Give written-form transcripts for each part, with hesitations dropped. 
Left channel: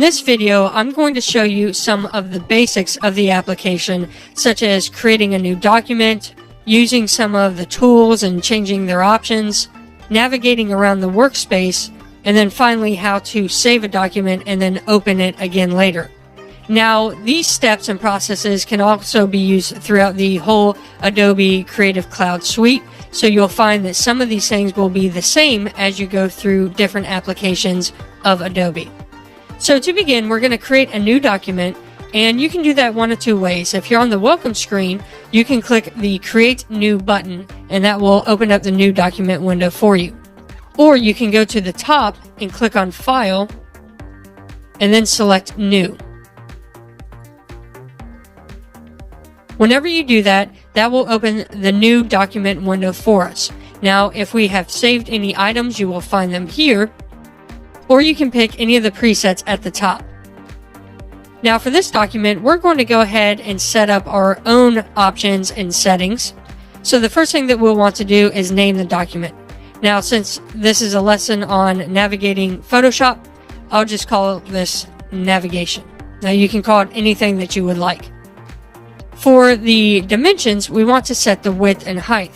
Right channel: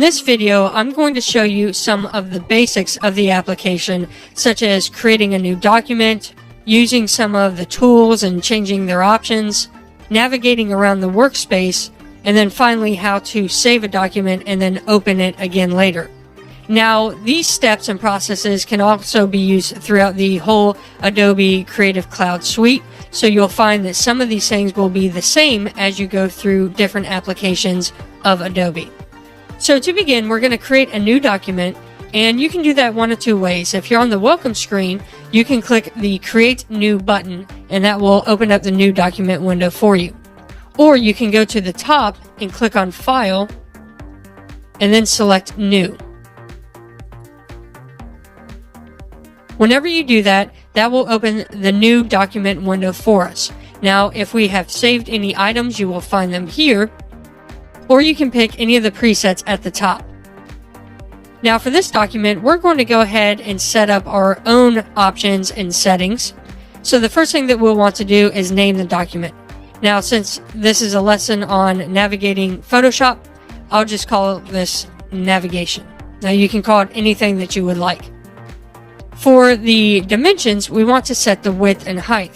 In this video, I'm going to show you some of the basics of the application, such as creating a new document, using some of the tools and changing their options, navigating around the workspace, and then finally how to save a document and then open it again later. Now, these steps and processes can also be used throughout the whole Adobe Creative Cloud suite, so you'll find that some of these things will be the same as you go through different applications of Adobe. So to begin, we're going to create a new document, and you can do that one of two ways. If you're on the welcome screen, you can click the Create New button, and that will open up the new document window for you. Or you can go to the top and click on File, and then select New. Whenever you do that, that will open the new document window for us. Now, if we have saved any items, you will find them here, or you can pick any of the presets at the top. Now for this document, we're going to go ahead and set up our own options and settings. So the first thing that we'll want to do is name the document. Now, since this is a lesson on navigating Photoshop, I'll just call this navigation. Now you can call it anything that you would like. For the dimensions, we want to set the width and height.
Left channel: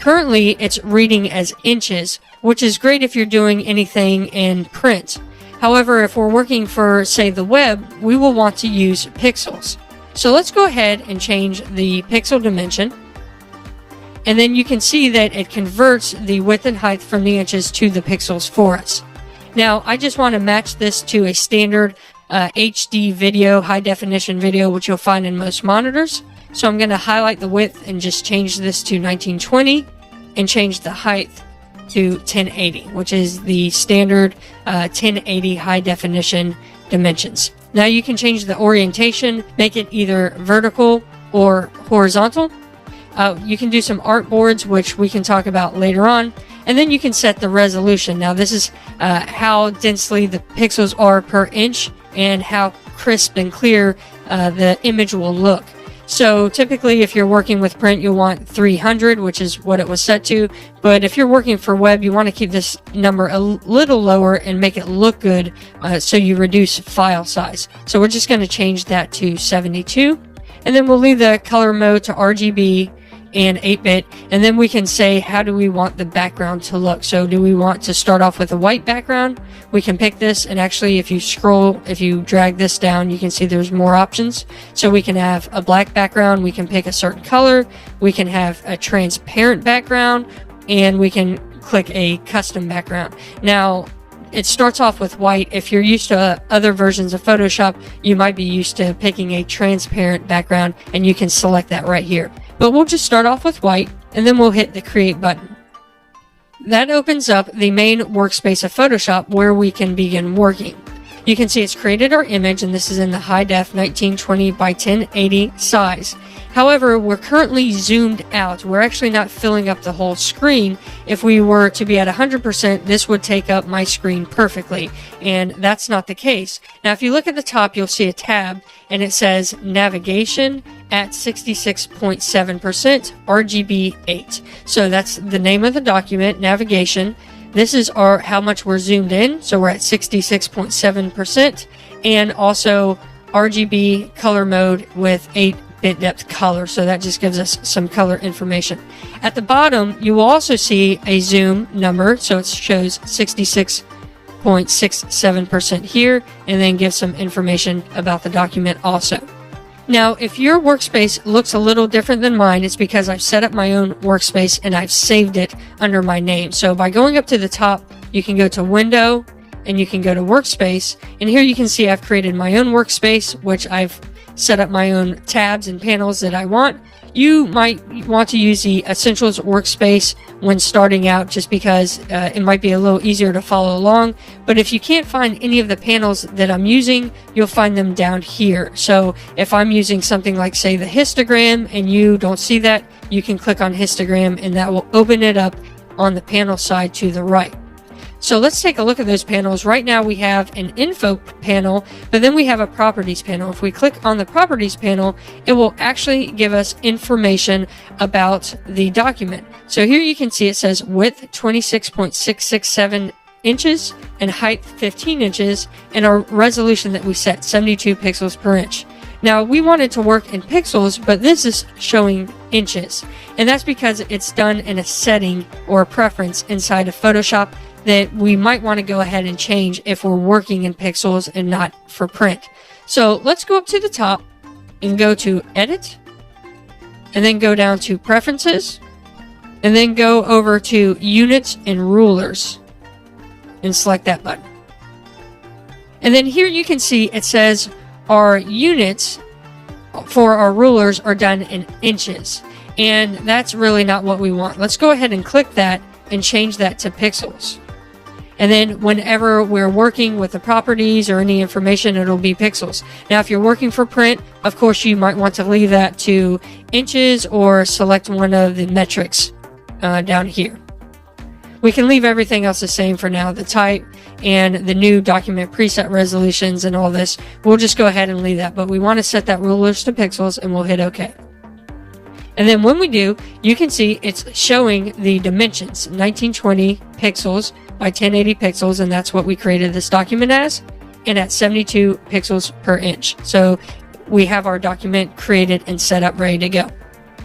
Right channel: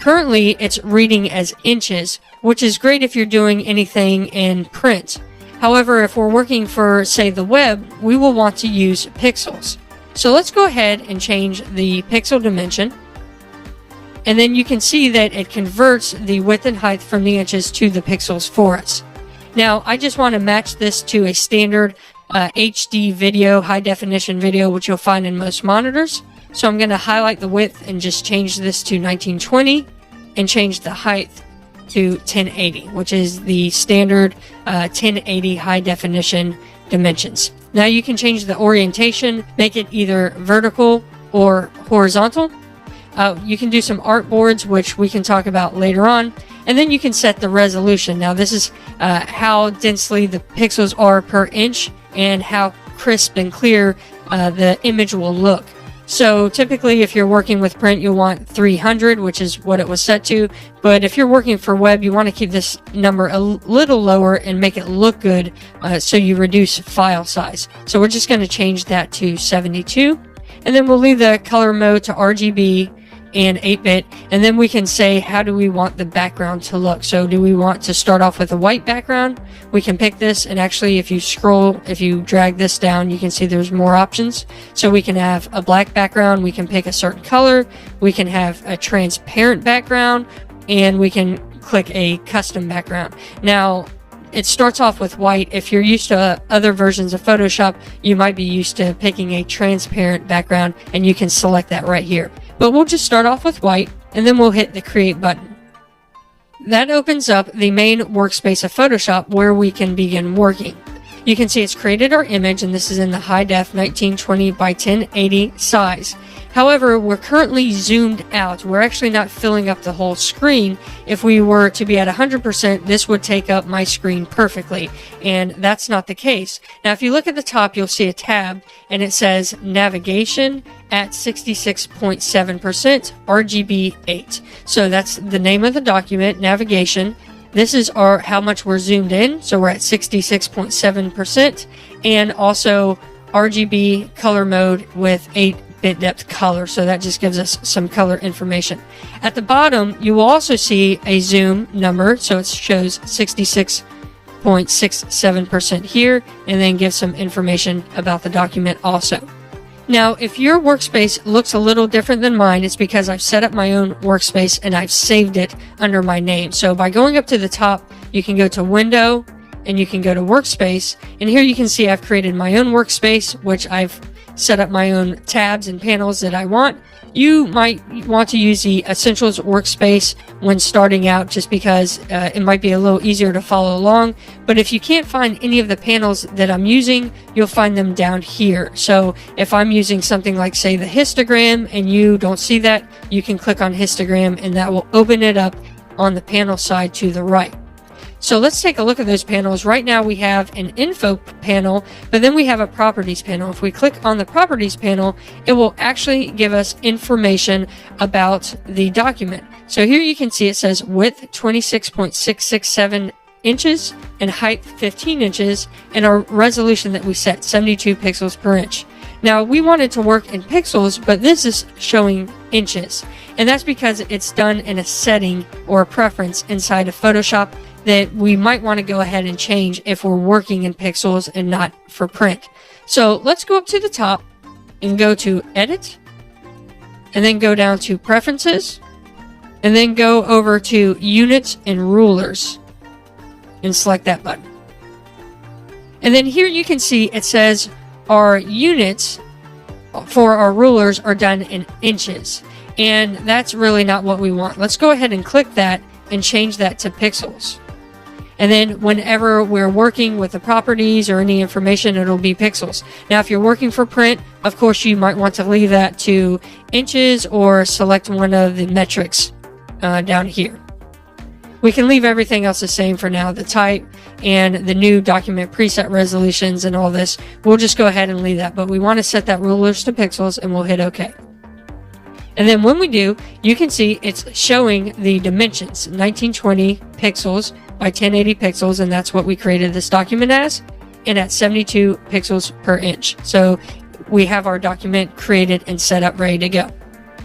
Currently, it's reading as inches, which is great if you're doing anything in print. However, if we're working for, say, the web, we will want to use pixels. So let's go ahead and change the pixel dimension. And then you can see that it converts the width and height from the inches to the pixels for us. Now, I just want to match this to a standard HD video, high definition video, which you'll find in most monitors. So I'm going to highlight the width and just change this to 1920 and change the height to 1080, which is the standard 1080 high definition dimensions. Now you can change the orientation, make it either vertical or horizontal. You can do some artboards, which we can talk about later on. And then you can set the resolution. Now this is how densely the pixels are per inch and how crisp and clear the image will look. So typically if you're working with print, you'll want 300, which is what it was set to. But if you're working for web, you want to keep this number a little lower and make it look good, so you reduce file size. So we're just going to change that to 72. And then we'll leave the color mode to RGB and 8-bit, and then we can say how do we want the background to look. So do we want to start off with a white background? We can pick this, and actually if you drag this down, you can see there's more options. So we can have a black background, we can pick a certain color, we can have a transparent background, and we can click a custom background. Now it starts off with white. If you're used to other versions of Photoshop, you might be used to picking a transparent background, and you can select that right here. But we'll just start off with white, and then we'll hit the Create button. That opens up the main workspace of Photoshop where we can begin working. You can see it's created our image, and this is in the high def 1920 by 1080 size. However, we're currently zoomed out. We're actually not filling up the whole screen. If we were to be at 100%, this would take up my screen perfectly, and that's not the case. Now, if you look at the top, you'll see a tab, and it says Navigation at 66.7%, RGB 8. So that's the name of the document, Navigation. This is how much we're zoomed in, so we're at 66.7%, and also RGB color mode with 8-bit depth color, so that just gives us some color information. At the bottom, you will also see a zoom number, so it shows 66.67% here, and then gives some information about the document also. Now, if your workspace looks a little different than mine, it's because I've set up my own workspace and I've saved it under my name. So by going up to the top, you can go to Window and you can go to Workspace. And here you can see I've created my own workspace, which I've set up my own tabs and panels that I want. You might want to use the Essentials workspace when starting out, just because it might be a little easier to follow along. But if you can't find any of the panels that I'm using, you'll find them down here. So if I'm using something like, say, the histogram, and you don't see that, you can click on histogram, and that will open it up on the panel side to the right. So let's take a look at those panels. Right now we have an info panel, but then we have a properties panel. If we click on the properties panel, it will actually give us information about the document. So here you can see it says width 26.667 inches and height 15 inches and a resolution that we set 72 pixels per inch. Now we want it to work in pixels, but this is showing inches, and that's because it's done in a setting or a preference inside of Photoshop that we might want to go ahead and change if we're working in pixels and not for print. So let's go up to the top and go to Edit, and then go down to Preferences, and then go over to Units and Rulers and select that button. And then here you can see it says our units for our rulers are done in inches, and that's really not what we want. Let's go ahead and click that and change that to pixels. And then whenever we're working with the properties or any information, it'll be pixels. Now, if you're working for print, of course, you might want to leave that to inches or select one of the metrics down here. We can leave everything else the same for now. The type and the new document preset resolutions and all this, we'll just go ahead and leave that. But we want to set that rulers to pixels, and we'll hit OK. And then when we do, you can see it's showing the dimensions, 1920 pixels by 1080 pixels, and that's what we created this document as, and at 72 pixels per inch. So we have our document created and set up, ready to go.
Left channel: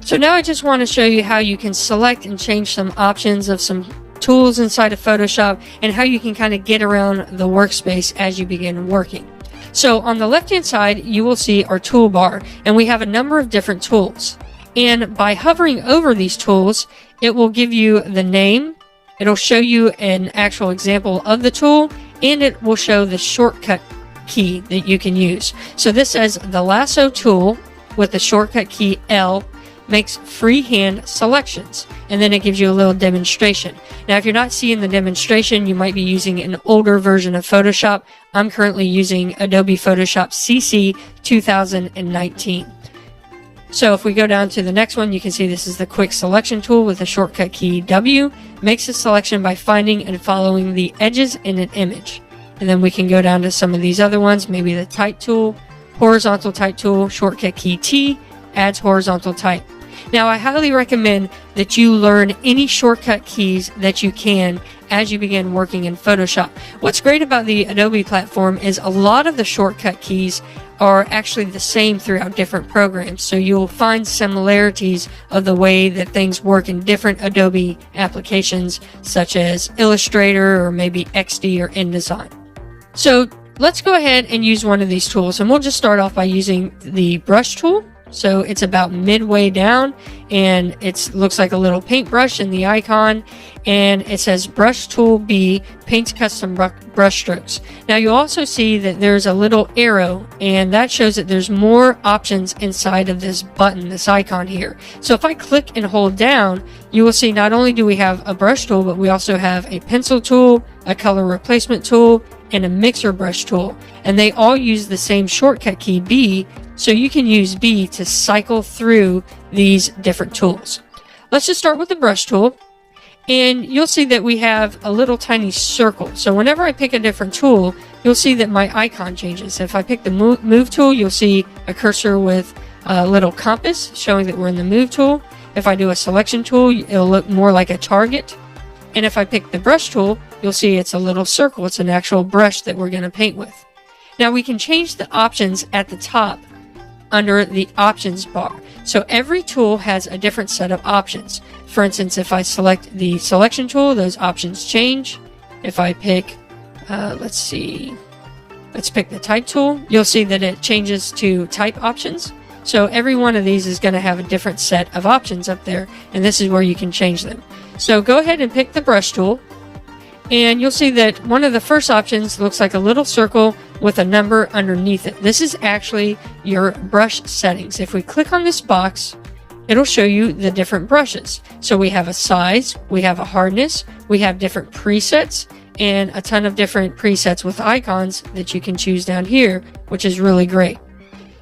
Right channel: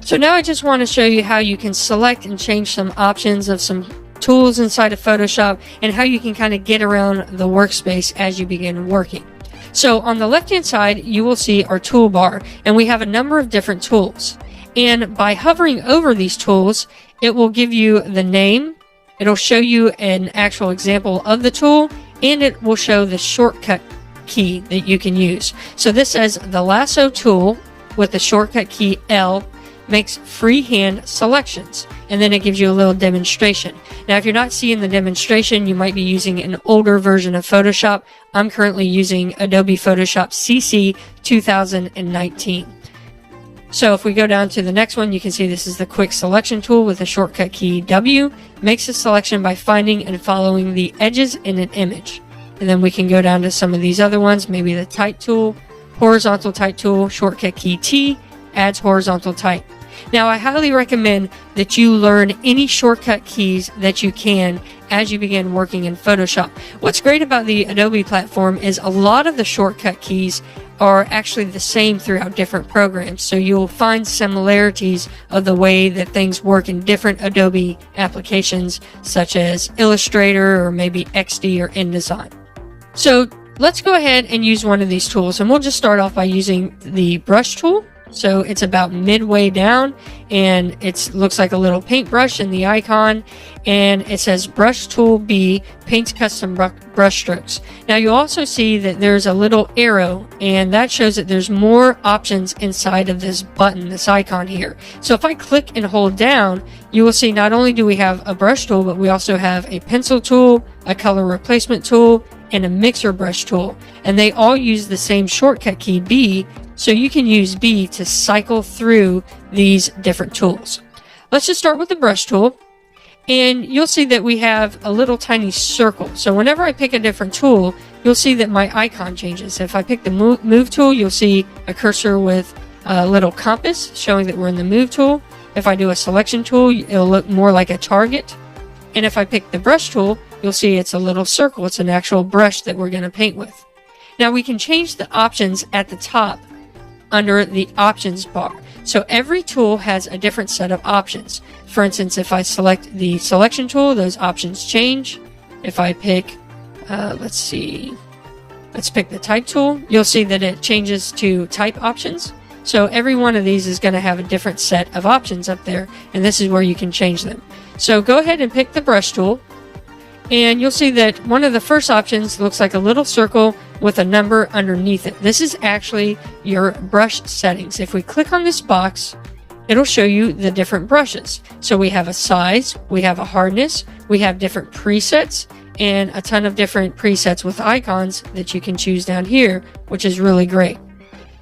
So now I just want to show you how you can select and change some options of some tools inside of Photoshop and how you can kind of get around the workspace as you begin working. So on the left hand side, you will see our toolbar, and we have a number of different tools. And by hovering over these tools, it will give you the name, it'll show you an actual example of the tool, and it will show the shortcut key that you can use. So this says the lasso tool with the shortcut key L makes freehand selections, and then it gives you a little demonstration. Now if you're not seeing the demonstration, you might be using an older version of Photoshop. I'm currently using Adobe Photoshop CC 2019. So if we go down to the next one, you can see this is the quick selection tool with the shortcut key W. Makes a selection by finding and following the edges in an image. And then we can go down to some of these other ones, maybe the type tool, horizontal type tool, shortcut key T, adds horizontal type. Now, I highly recommend that you learn any shortcut keys that you can as you begin working in Photoshop. What's great about the Adobe platform is a lot of the shortcut keys are actually the same throughout different programs. So you will find similarities of the way that things work in different Adobe applications, such as Illustrator or maybe XD or InDesign. So let's go ahead and use one of these tools, and we'll just start off by using the brush tool. So it's about midway down, and it looks like a little paintbrush in the icon, and it says brush tool B, paints custom brush strokes. Now you also see that there's a little arrow, and that shows that there's more options inside of this button, this icon here. So if I click and hold down, you will see not only do we have a brush tool, but we also have a pencil tool, a color replacement tool, and a mixer brush tool. And they all use the same shortcut key B, so you can use B to cycle through these different tools. Let's just start with the brush tool, and you'll see that we have a little tiny circle. So whenever I pick a different tool, you'll see that my icon changes. If I pick the move tool, you'll see a cursor with a little compass showing that we're in the move tool. If I do a selection tool, it'll look more like a target. And if I pick the brush tool, you'll see it's a little circle. It's an actual brush that we're going to paint with. Now we can change the options at the top under the options bar. So every tool has a different set of options. For instance, if I select the selection tool, those options change. If I pick, let's pick the type tool, you'll see that it changes to type options. So every one of these is going to have a different set of options up there, and this is where you can change them. So go ahead and pick the brush tool, and you'll see that one of the first options looks like a little circle with a number underneath it. This is actually your brush settings. If we click on this box, it'll show you the different brushes. So we have a size, we have a hardness, we have different presets, and a ton of different presets with icons that you can choose down here, which is really great.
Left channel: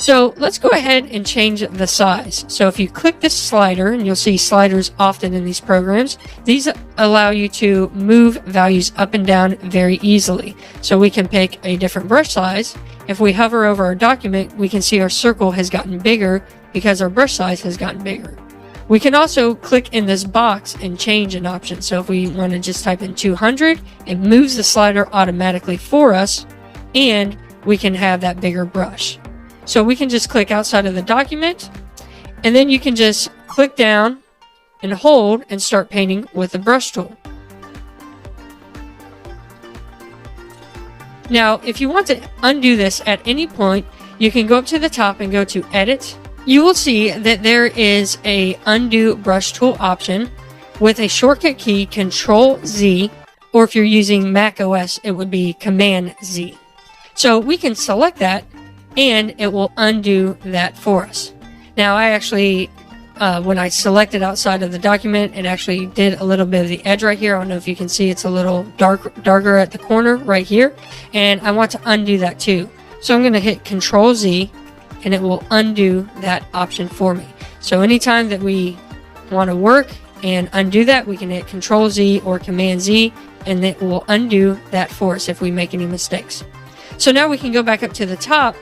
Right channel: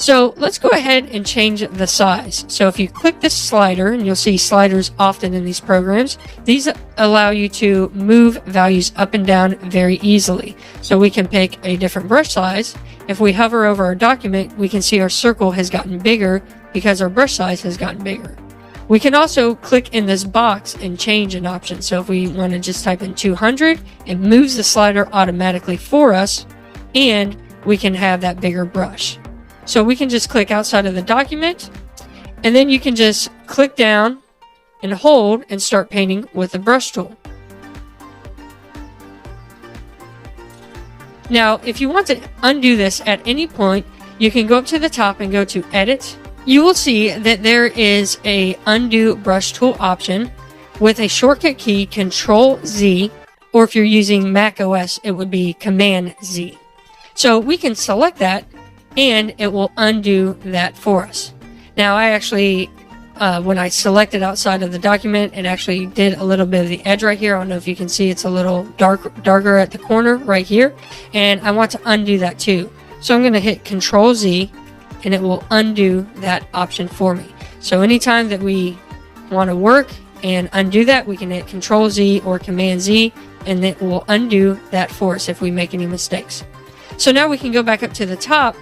So let's go ahead and change the size. So if you click this slider, and you'll see sliders often in these programs, these allow you to move values up and down very easily. So we can pick a different brush size. If we hover over our document, we can see our circle has gotten bigger because our brush size has gotten bigger. We can also click in this box and change an option. So if we want to just type in 200, it moves the slider automatically for us, and we can have that bigger brush. So we can just click outside of the document, and then you can just click down and hold and start painting with the brush tool. Now, if you want to undo this at any point, you can go up to the top and go to Edit. You will see that there is a Undo Brush Tool option with a shortcut key, Control-Z, or if you're using Mac OS, it would be Command-Z. So we can select that, and it will undo that for us. Now, I actually, when I selected outside of the document, it actually did a little bit of the edge right here. I don't know if you can see it's a little darker at the corner right here, and I want to undo that too. So I'm going to hit Control-Z, and it will undo that option for me. So anytime that we want to work and undo that, we can hit Control-Z or Command-Z, and it will undo that for us if we make any mistakes. So now we can go back up to the top,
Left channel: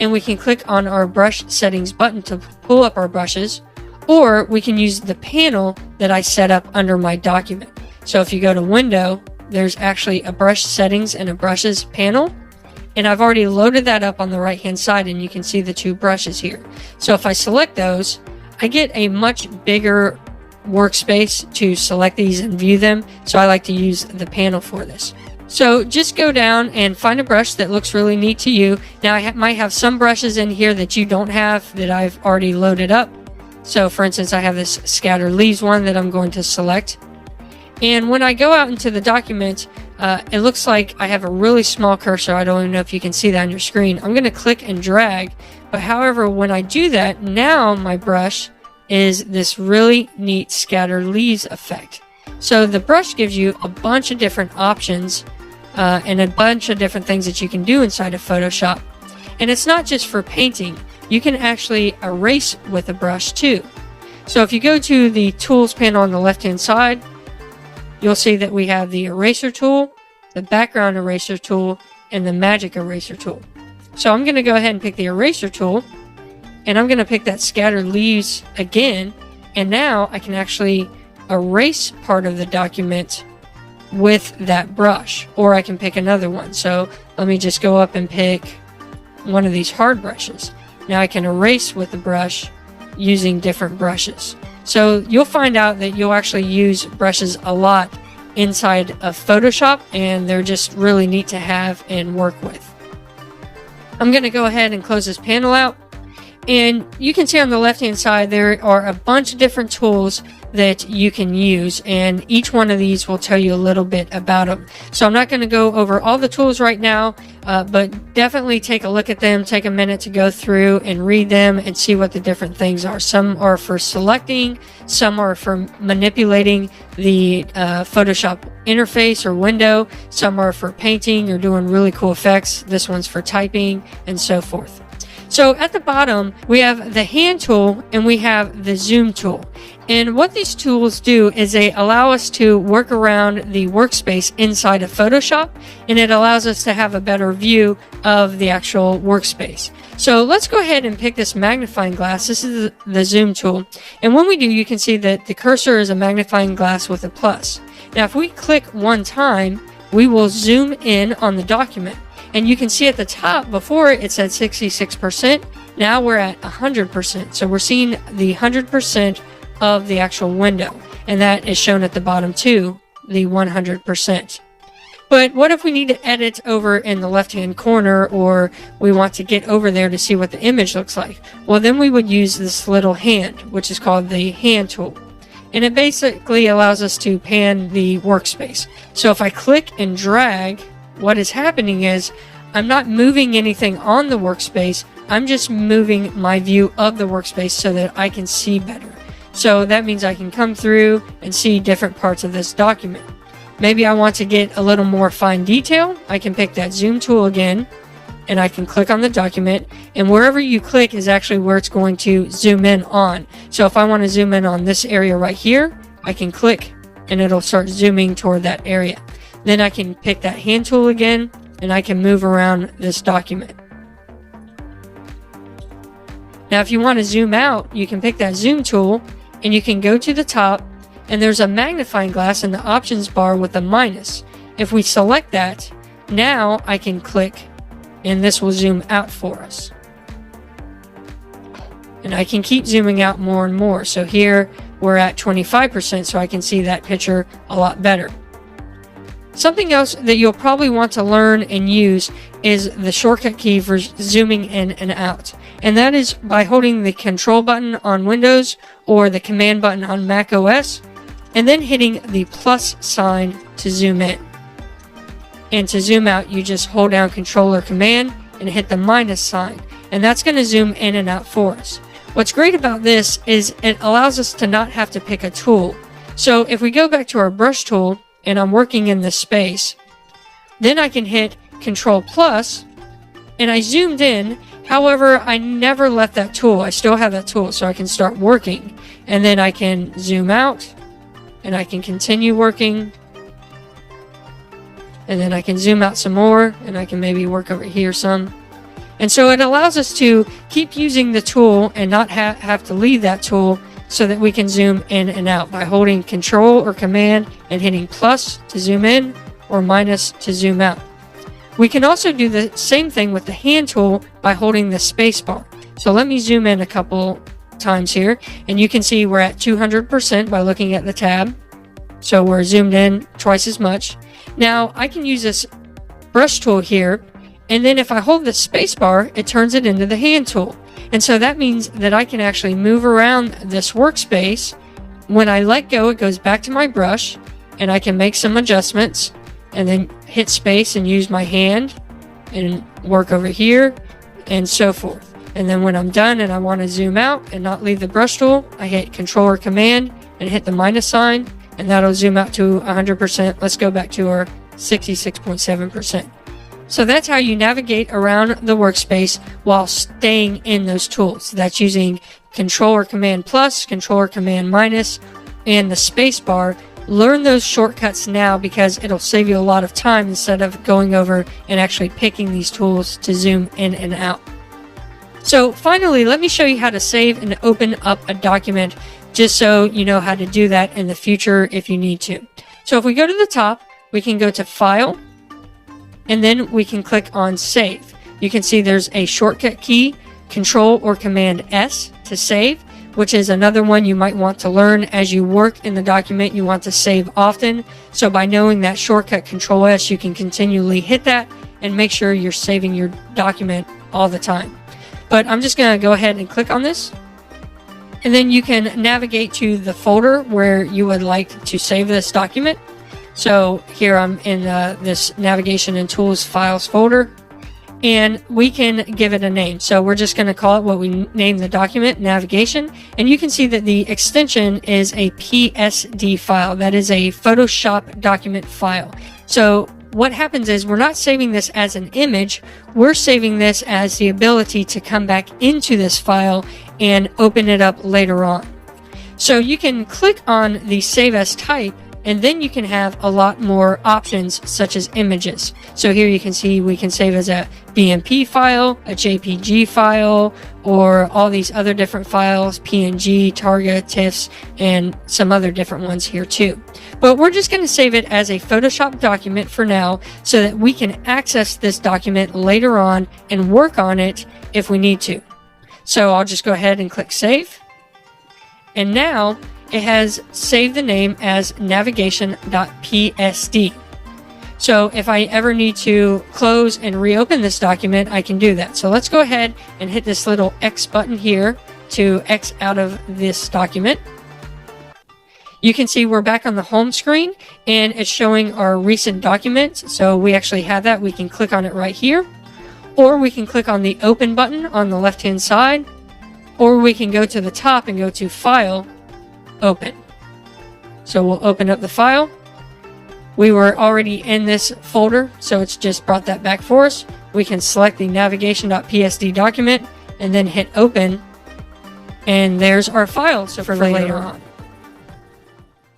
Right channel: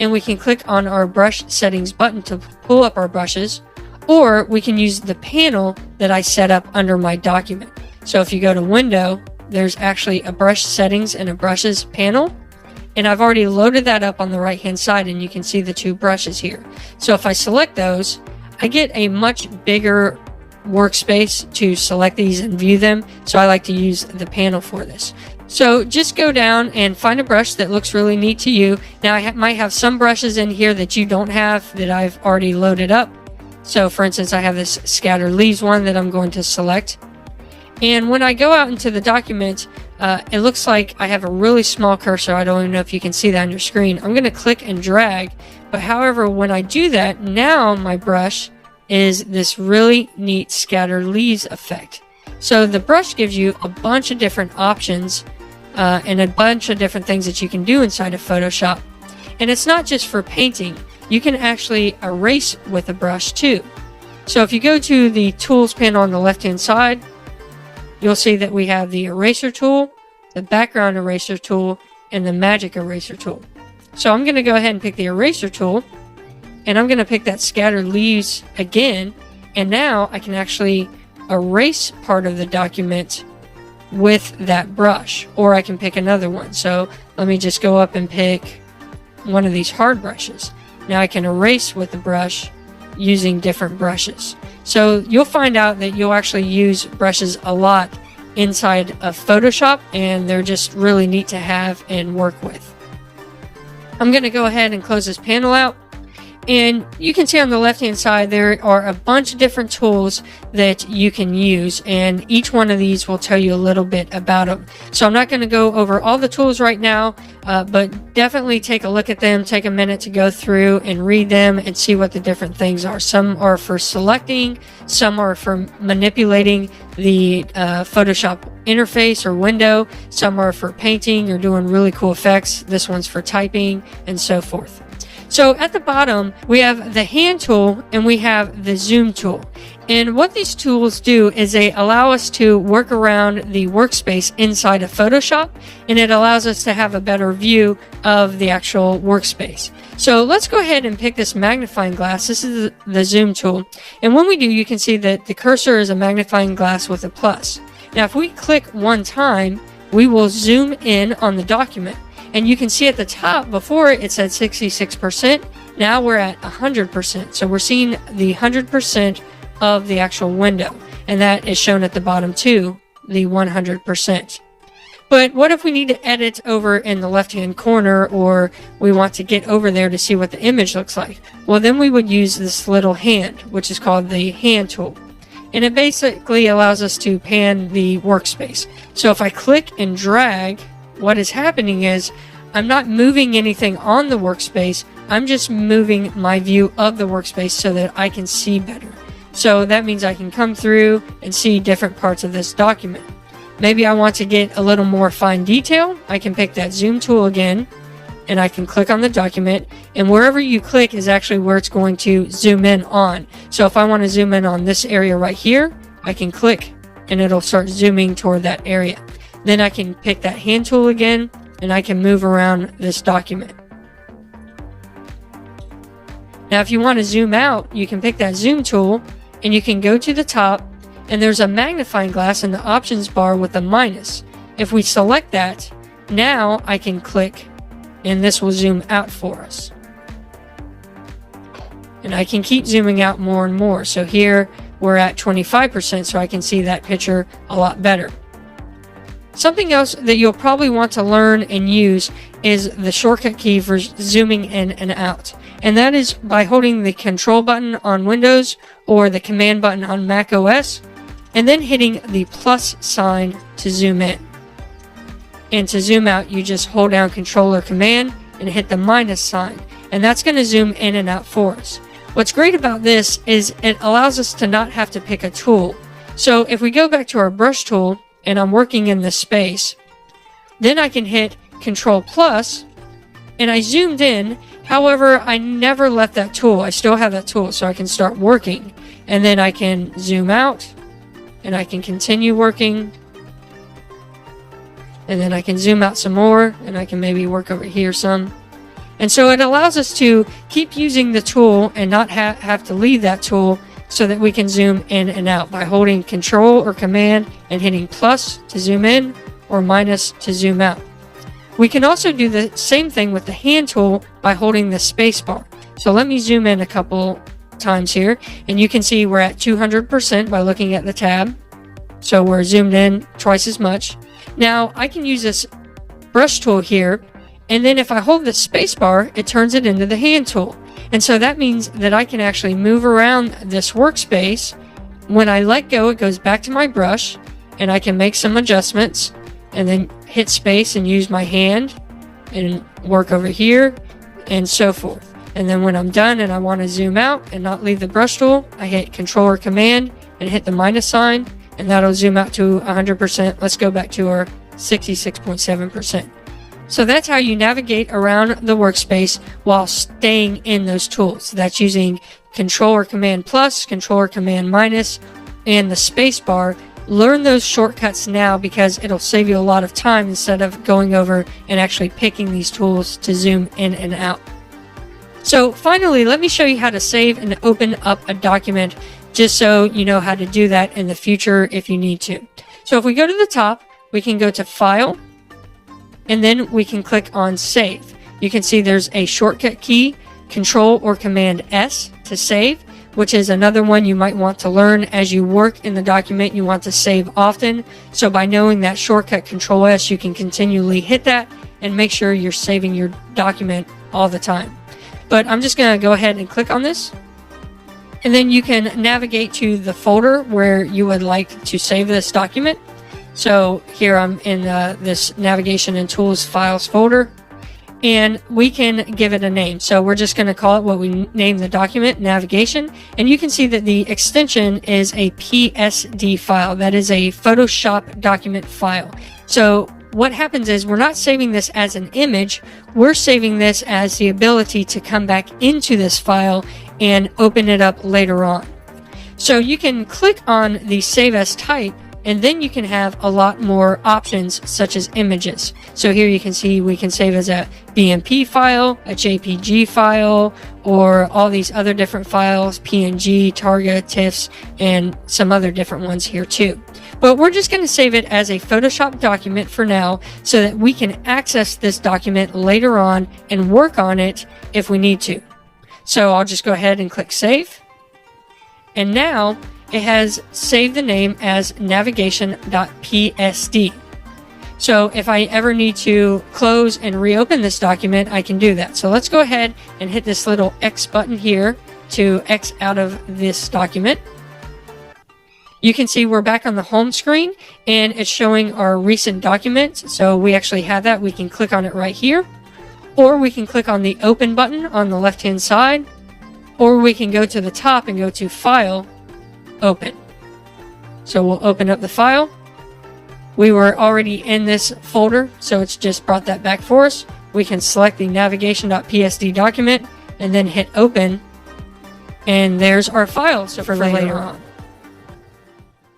and we can click on our brush settings button to pull up our brushes, or we can use the panel that I set up under my document. So if you go to Window, there's actually a brush settings and a brushes panel. And I've already loaded that up on the right hand side, and you can see the two brushes here. So if I select those, I get a much bigger workspace to select these and view them. So I like to use the panel for this. So just go down and find a brush that looks really neat to you. Now I might have some brushes in here that you don't have that I've already loaded up. So for instance, I have this Scatter Leaves one that I'm going to select. And when I go out into the document, it looks like I have a really small cursor. I don't even know if you can see that on your screen. I'm going to click and drag, but however, when I do that, now my brush is this really neat Scatter Leaves effect. So the brush gives you a bunch of different options and a bunch of different things that you can do inside of Photoshop. And it's not just for painting. You can actually erase with a brush too. So if you go to the Tools panel on the left-hand side, you'll see that we have the eraser tool, the background eraser tool, and the magic eraser tool. So I'm going to go ahead and pick the eraser tool, and I'm going to pick that Scattered Leaves again, and now I can actually erase part of the document with that brush, or I can pick another one. So let me just go up and pick one of these hard brushes. Now I can erase with the brush using different brushes. So you'll find out that you'll actually use brushes a lot inside of Photoshop, and they're just really neat to have and work with. I'm going to go ahead and close this panel out. And you can see on the left hand side there are a bunch of different tools that you can use, and each one of these will tell you a little bit about them. So I'm not going to go over all the tools right now, but definitely take a look at them, take a minute to go through and read them and see what the different things are. Some are for selecting, some are for manipulating the Photoshop interface or window, some are for painting or doing really cool effects. This one's for typing and so forth. So at the bottom, we have the hand tool and we have the zoom tool. And what these tools do is they allow us to work around the workspace inside of Photoshop, and it allows us to have a better view of the actual workspace. So let's go ahead and pick this magnifying glass. This is the zoom tool. And when we do, you can see that the cursor is a magnifying glass with a plus. Now, if we click one time, we will zoom in on the document. And you can see at the top, before it's at 66%, now we're at 100%. So we're seeing the 100% of the actual window. And that is shown at the bottom too, the 100%. But what if we need to edit over in the left-hand corner, or we want to get over there to see what the image looks like? Well, then we would use this little hand, which is called the hand tool. And it basically allows us to pan the workspace. So if I click and drag, what is happening is I'm not moving anything on the workspace. I'm just moving my view of the workspace so that I can see better. So that means I can come through and see different parts of this document. Maybe I want to get a little more fine detail. I can pick that zoom tool again, and I can click on the document, and wherever you click is actually where it's going to zoom in on. So if I want to zoom in on this area right here, I can click and it'll start zooming toward that area. Then I can pick that hand tool again, and I can move around this document. Now if you want to zoom out, you can pick that zoom tool, and you can go to the top, and there's a magnifying glass in the options bar with a minus. If we select that, now I can click, and this will zoom out for us. And I can keep zooming out more and more. So here we're at 25%, so I can see that picture a lot better. Something else that you'll probably want to learn and use is the shortcut key for zooming in and out. And that is by holding the control button on Windows or the command button on Mac OS, and then hitting the plus sign to zoom in. And to zoom out, you just hold down control or command and hit the minus sign. And that's going to zoom in and out for us. What's great about this is it allows us to not have to pick a tool. So if we go back to our brush tool, and I'm working in this space, then I can hit Control plus, and I zoomed in. However, I never left that tool. I still have that tool, so I can start working. And then I can zoom out, and I can continue working. And then I can zoom out some more, and I can maybe work over here some. And so it allows us to keep using the tool and not have to leave that tool, so that we can zoom in and out by holding Control or Command and hitting plus to zoom in or minus to zoom out. We can also do the same thing with the hand tool by holding the space bar. So let me zoom in a couple times here, and you can see we're at 200% by looking at the tab. So we're zoomed in twice as much. Now I can use this brush tool here, and then if I hold the space bar, it turns it into the hand tool. And so that means that I can actually move around this workspace. When I let go, it goes back to my brush, and I can make some adjustments, and then hit space and use my hand and work over here and so forth. And then when I'm done and I want to zoom out and not leave the brush tool, I hit Control or Command and hit the minus sign, and that'll zoom out to 100%. Let's go back to our 66.7%. So that's how you navigate around the workspace while staying in those tools. That's using Control or Command plus, Control or Command minus, and the space bar. Learn those shortcuts now because it'll save you a lot of time instead of going over and actually picking these tools to zoom in and out. So finally, let me show you how to save and open up a document, just so you know how to do that in the future if you need to. So if we go to the top, we can go to File, and then we can click on Save. You can see there's a shortcut key, Control or Command S to save, which is another one you might want to learn as you work in the document. You want to save often. So by knowing that shortcut Control S, you can continually hit that and make sure you're saving your document all the time. But I'm just going to go ahead and click on this. And then you can navigate to the folder where you would like to save this document. So here I'm in this Navigation and Tools Files folder, and we can give it a name. So we're just going to call it what we name the document, Navigation. And you can see that the extension is a PSD file. That is a Photoshop document file. So what happens is we're not saving this as an image. We're saving this as the ability to come back into this file and open it up later on. So you can click on the Save As Type, and then you can have a lot more options such as images. So here you can see we can save as a BMP file, a JPG file, or all these other different files, PNG, Targa, TIFFs, and some other different ones here too. But we're just going to save it as a Photoshop document for now so that we can access this document later on and work on it if we need to. So I'll just go ahead and click Save. And now it has saved the name as navigation.psd. So if I ever need to close and reopen this document, I can do that. So let's go ahead and hit this little X button here to X out of this document. You can see we're back on the home screen and it's showing our recent documents. So we actually have that. We can click on it right here, or we can click on the open button on the left hand side, or we can go to the top and go to File, Open. So we'll open up the file. We were already in this folder, so it's just brought that back for us. We can select the navigation.psd document and then hit open, and there's our file for later on.